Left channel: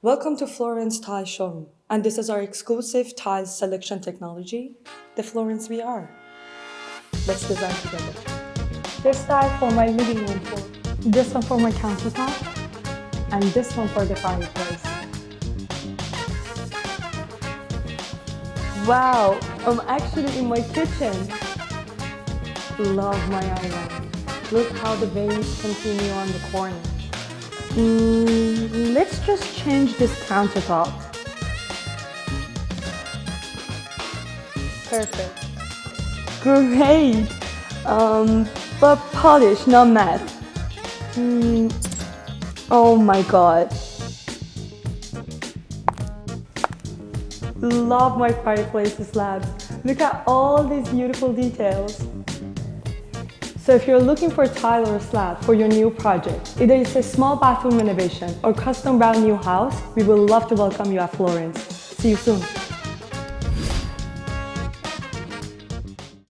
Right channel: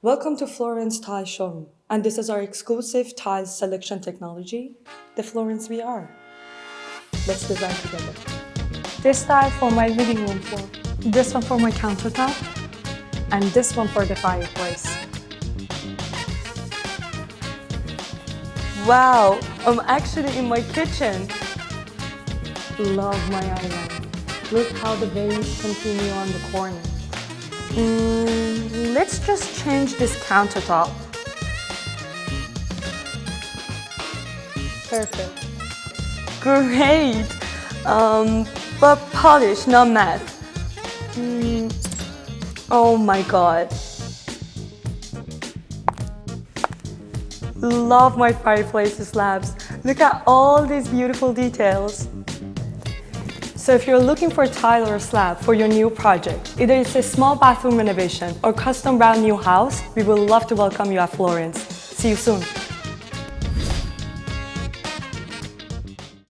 Welcome to Floorence Tile Showroom, and this is our exclusive tiles selection technology, the Floorence VR. Let's design together. This tile for my living room, This one for my countertop. and this one for the fireplace. Wow, I'm actually in my kitchen. Love my island. Look how the veins continue on the corner. Let's just change this countertop. Perfect. Great! But polish, not matte. Oh my god. Love my fireplace slabs. Look at all these beautiful details. So if you're looking for a tile or a slab for your new project, either it's a small bathroom renovation or custom brand new house, we would love to welcome you at Florence. See you soon.